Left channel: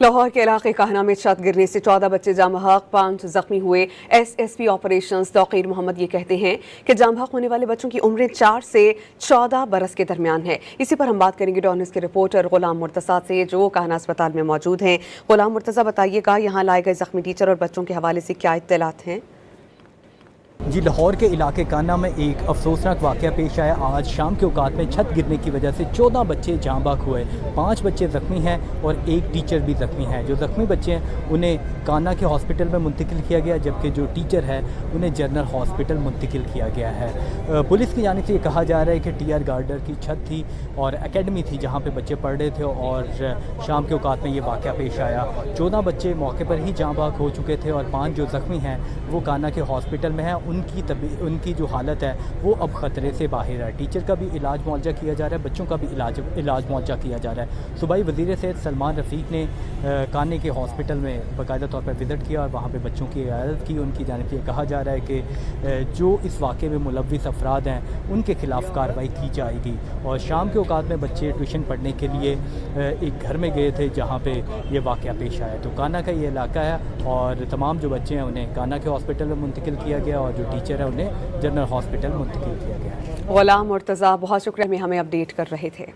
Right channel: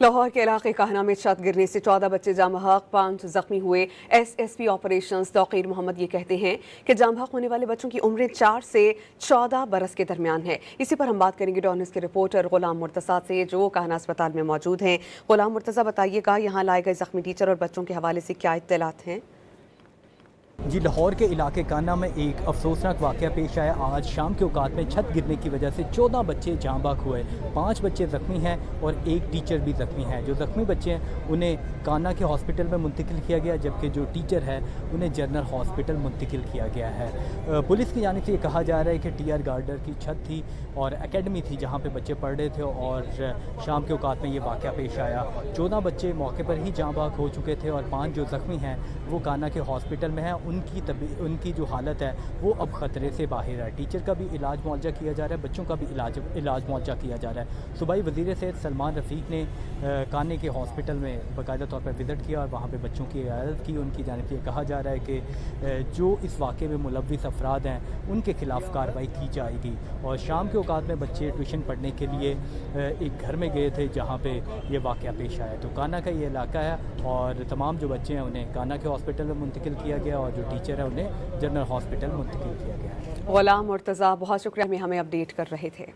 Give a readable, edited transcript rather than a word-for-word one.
लाहौर के इलाके काहना में छत गिरने से 14 बच्चे जाम बहक, 5 जख्मी हुए। एसएसपी ऑपरेशंस तौकीर मोहम्मद ये कहते हैं कि जाम बहक होने वाले बच्चों की उम्रें 4 से 14 बरस के दरमियान है। इसी पर हम बात करेंगे डॉन न्यूज़ के रिपोर्टर गुलाम मुर्तज़ा से, जो काहना अस्पताल में मौजूद हैं। गुलाम मुर्तज़ा, बताइएगा यहाँ लाए गए जख्मी टीचर और बच्चों के हवाले से क्या इत्तलात हैं? जी, लाहौर के इलाके काना में एक अफसोसनाक वाक़या पेश आया। आज शाम के औकात में छत गिरने की वजह से 14 बच्चे जाँ बहक हुए। 5 बच्चे ज़ख्मी हैं और एक टीचर भी ज़ख्मी है। जो ज़ख्मी बच्चे हैं उन्हें काना के हॉस्पिटल में मुंतकिल किया गया, जबकि जो टीचर है उन्हें जनरल हॉस्पिटल मुंतकिल किया गया है। पुलिस की जानिब से ये कहा जा रहा है कि टीआर गार्डर की छत थी और एकेडमी थी जहाँ पर बच्चे पढ़ रहे थे और शाम के औकात में ये वाक़या पेश आया। 14 बच्चे मौके पर ही जाँ बहक हो चुके थे और 5 जो ज़ख्मी हैं वो काना के हॉस्पिटल में हैं। उनकी जो हालत है वो अब ख़तरे से बाहर है। टीचर का भी इलाज मुआवजा किया जा रहा है, बच्चों का भी इलाज मुआवजा किया जा रहा है। सूबाई वज़ीर सेहत सलमान रफ़ीक ने काने के हॉस्पिटल में बाकायदा तौर पर विज़िट किया और वहाँ पे बच्चों की इयादत की। उनकी जानिब से कहा जा रहा है कि जो इस वाक़े में मुलव्विस अफराद हैं उनके खिलाफ कार्रवाई की जाएगी। और शाम के औकात में बच्चे ट्यूशन पढ़ने के लिए एक घर में गए थे जहाँ पे ये वाक़या पेश आया। तो काना का ये इलाका है और तमाम जो बच्चे हैं उन्हें काना के हॉस्पिटल में मुंतकिल किया गया और जो टीचर है उन्हें जनरल हॉस्पिटल मुंतकिल किया गया। गुलाम मुर्तज़ा, बहुत शुक्रिया, हमें अपडेट कर रहे थे।